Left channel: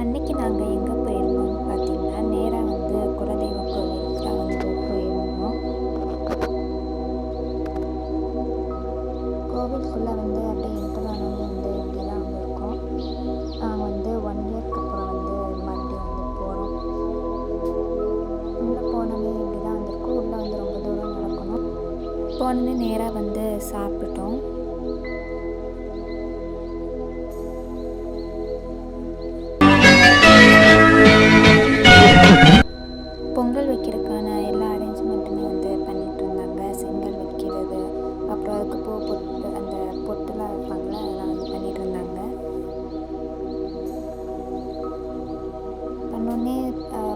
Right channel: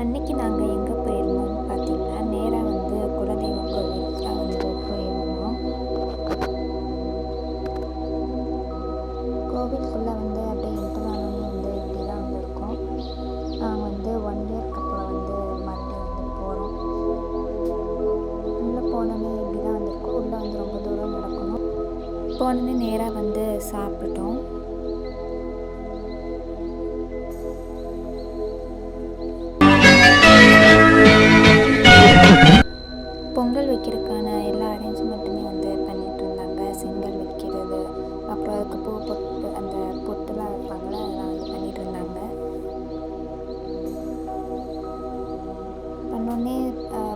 அன்னைக்கு நாங்கள் எங்கே போயிருந்தோம்னு பார்த்தீங்கன்னா, நேராக வந்து குலதெய்வ கோவிலுக்கு தான் வந்து போயிருந்தோம். கோவிலுக்குள்ளே வந்து அப்படியே என்டர் ஆனோடனே வந்து இப்படி தான் வந்து இருக்கும். நாங்கள் வந்து 1 இயர்க்கு அப்புறம் வந்து மறுபடியும் வந்து போகிறோம். உள்ளே போனோன்னே இப்படி தான் வந்திருக்கோம். உள்ளே வந்து ரொம்ப தூரம் நடக்கணும். போனோன்னே நேராக வந்து சாப்பிட்டோம். பொங்கல் வைக்கிறதுக்கான எல்லா அரேஞ்ச்மெண்ட்டுமே வந்து பண்ணிகிட்டு இருந்தாங்க. செங்கல் வைக்கிறது, அப்புறம் அதுக்கு பூ பொட்டு, அந்த பொட்டுலாம் வைப்பாங்களே, அதெல்லாம் வந்து பண்ணிகிட்டு இருந்தாங்க. பண்ணோடனே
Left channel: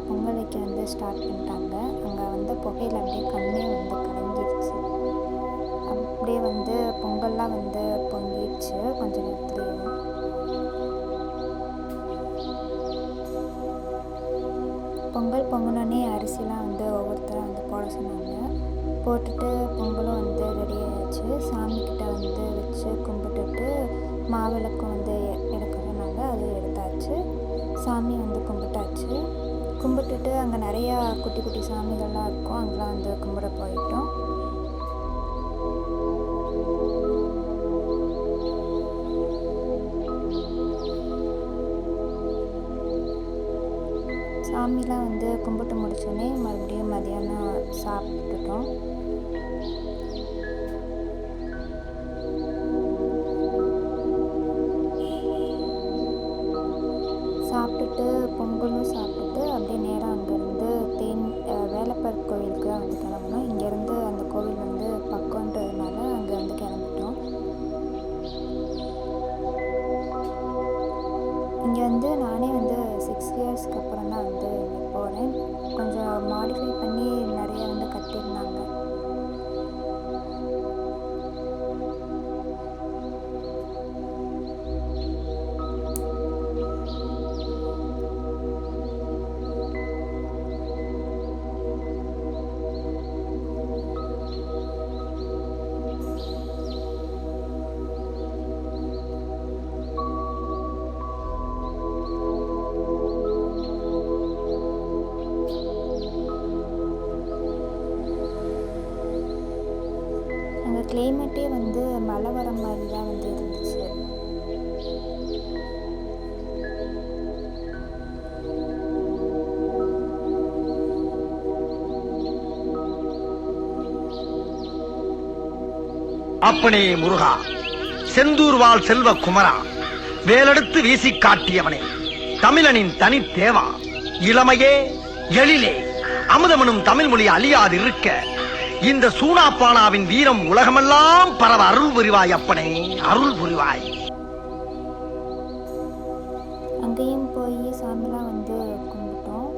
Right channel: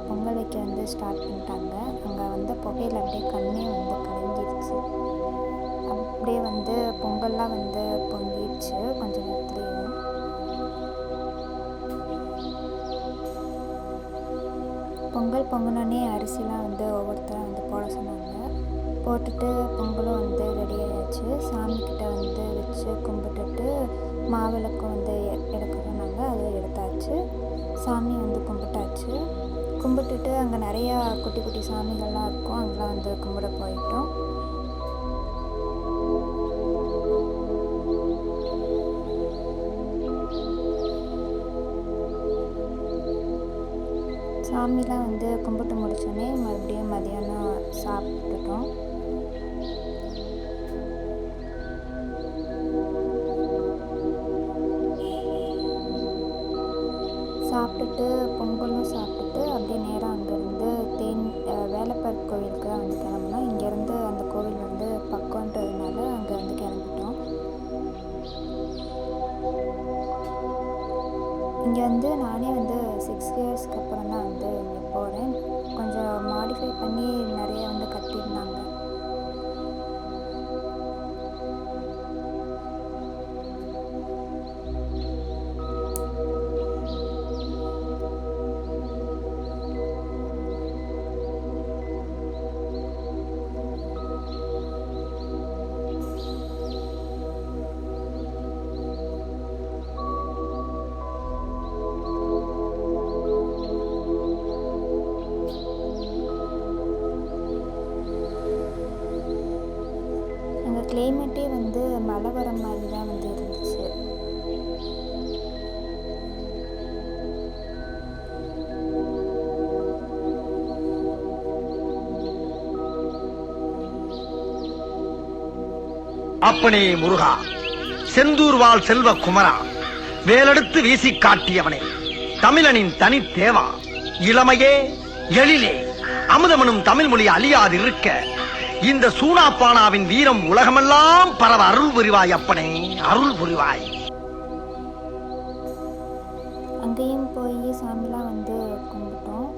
பொங்கல் வைக்க வந்து ஸ்டார்ட் பண்ணிட்டாங்க. அங்கே வந்து புகையில் அப்படியே கண்ணே வந்து கலங்கிடுச்சு. அப்படியே வந்து பொங்கல்லாம் வந்து பொங்கிடுச்சு கொஞ்ச நேரத்துலேயும். பொங்கல் பொங்கினோடனே அரிசிலாம் வந்து ஒவ்வொருத்தரும் வந்து போட சொன்னாங்க. போட்டுட்டு பொங்கலும் வந்து ரெடி ஆயாச்சு. சாமிக்கிட்ட வந்து வச்சு கும்பிட்டுட்டு மாவிளக்கும் வந்து எடுக்க சொன்னாங்க. அதுவும் எடுத்தாச்சு. சாமி வந்து கும்பிட்டாச்சு. கும்பிட்டுட்டு அங்கே நிறையா குட்டி குட்டி சாமிகள்லாம் இருக்கும். அங்கெல்லாம் வந்து கும்பிட போயிட்டோம். சாமிலாம் வந்து கும்பிட்டு முடிச்சோடனே மறுபடியும் மதியானம் சாப்பிட்டுட்டோம். சாப்பிட்டுட்டு பொங்கலும் சாப்பிட்டுட்டு அப்படியே நேராக அங்கேருந்து வேலப்பர் கோவிலுக்கு தான் வந்து கிளம்புனோம். இங்கேருந்து அந்த கோவில் வந்து பக்கன்றதுனால அங்கே வந்து கிளம்பிட்டோம். இங்கே வந்து நானே வந்து 6 இயர்ஸ்க்கு அப்புறம் தான் வந்து இங்கே போகிறேன். கொஞ்சம் மாடிஃபை பண்ணி நிறைய வந்து கட்டியிருந்தாங்க. அங்கே கிளைமேட்டே வந்து மழை வர மாதிரி தான் வந்து இருந்துச்சு. அப்பனே முருகா, செந்தூர் வாழ் செல்வ குமரா, வேலெடுத்து வீசி காட்டியவனே, தமிழனின் தனி தேவா, இளமையே எழிலே, அமுதமனும் தமிழ் மொழி அழியாதிருக்க இந்த சூனாப்பானாவின் வீரம் உலகமெல்லாம் பரவ அருள் புரிவாய். அப்பனே அருள் புரிவாய். அங்கேயும் போய் சாமிலாம் வந்து கும்பிட்டோம்.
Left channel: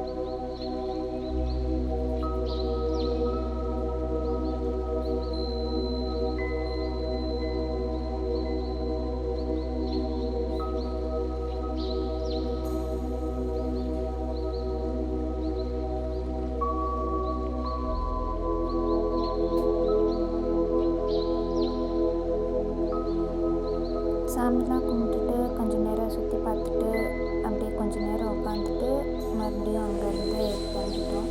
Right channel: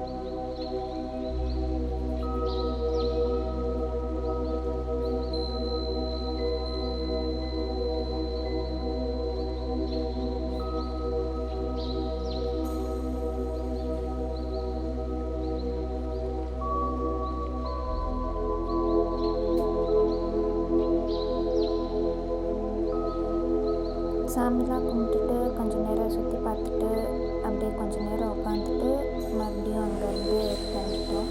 சாமிலாம் கும்பிட்டுட்டு கொஞ்சம் நேரம் சுற்றி பார்த்துட்டு அப்படியே கொஞ்சம் நேரம் உட்காந்துட்டு மறுபடியும் அங்கேருந்து கிளம்பிட்டோம்.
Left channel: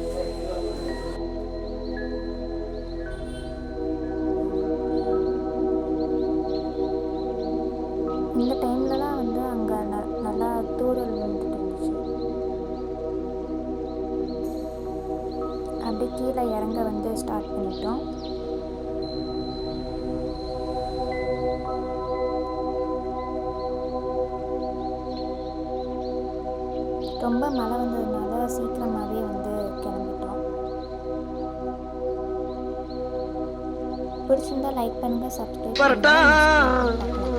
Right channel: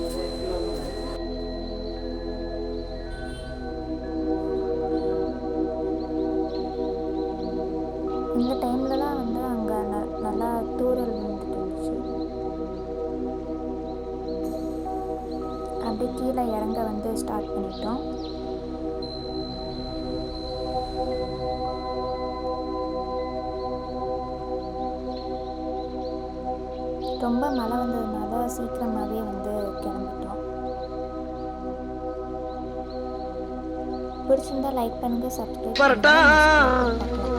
இந்த டைம்லலாம் வந்து அங்கே நல்லா தூறல் விழுந்துட்டு இருந்துச்சு. அப்படியே கீழே இறங்க வந்து ஸ்டார்ட் பண்ணிட்டோம். ரொம்ப மழை வந்ததுனால சீக்கிரமாகவே வந்து கிளம்பிட்டோம். பிடிச்சிருந்தா லைக் பண்ணுங்கள், சப்ஸ்கிரைப் பண்ணுங்கள்.